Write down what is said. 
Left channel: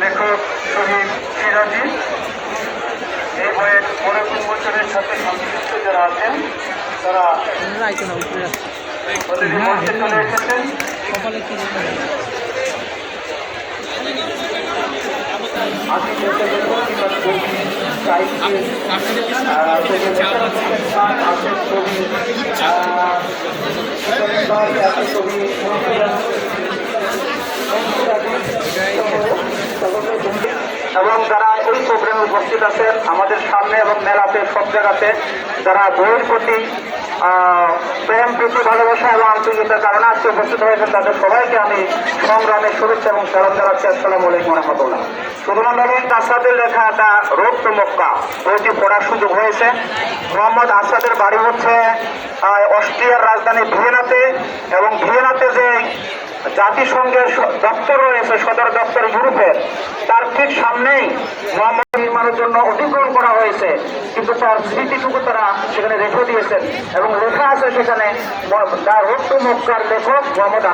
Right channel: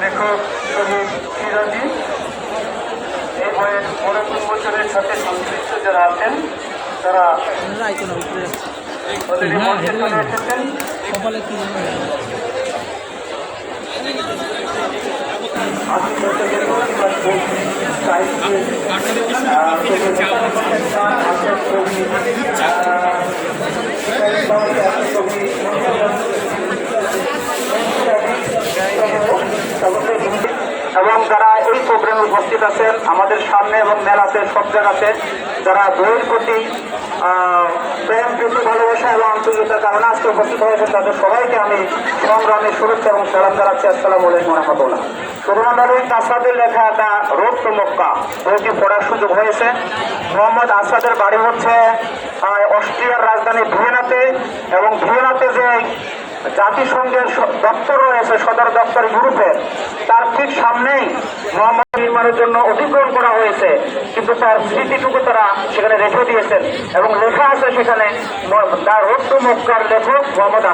লেখক শহীদ সিরাজি এই বইয়ের অনেক বছরের সাথে সংশ্লিষ্ট যারা আছেন তারা অলরেডি মঞ্চে চলে এসেছেন কপালে এবং যারা এই প্রোগ্রামে উপস্থিত আছেন, আমাদের সামনে এবং মেলাতে সব জায়গাতে যারা বইয়ের প্রতি প্রেম, প্রীতি, ভালোবাসা এবং আন্তরিকতার কারণে আজকে উপস্থিত হয়েছেন, তাদের সবাইকে আমি সংগ্রামের শুভেচ্ছা এবং সালাম জানাচ্ছি। আসসালামু আলাইকুম রহমতুল্লাহ। সুবহানাল্লাহ আসাদের লেখা একটা রোড টু মক্কা বইটি পড়ার সুযোগ হয়েছে। মোহাম্মদ আসাদের বাড়ি হচ্ছে অস্ট্রিয়ার রাজধানী ভিয়েনাতে এবং ভিয়েনাতে যে জাতিসংঘের দপ্তর রয়েছে, সদর দপ্তর গ্রুপে তার ঠিক সামনেই নির্মাণের জন্য অধিগ্রহণ করা হয়েছে। কিন্তু তার স্মৃতিটুকু তারা সেখানে রেখে দিয়েছেন এবং লেখা আছে সেখানে তার রক্ত মুক্তার লেখক মোহাম্মদ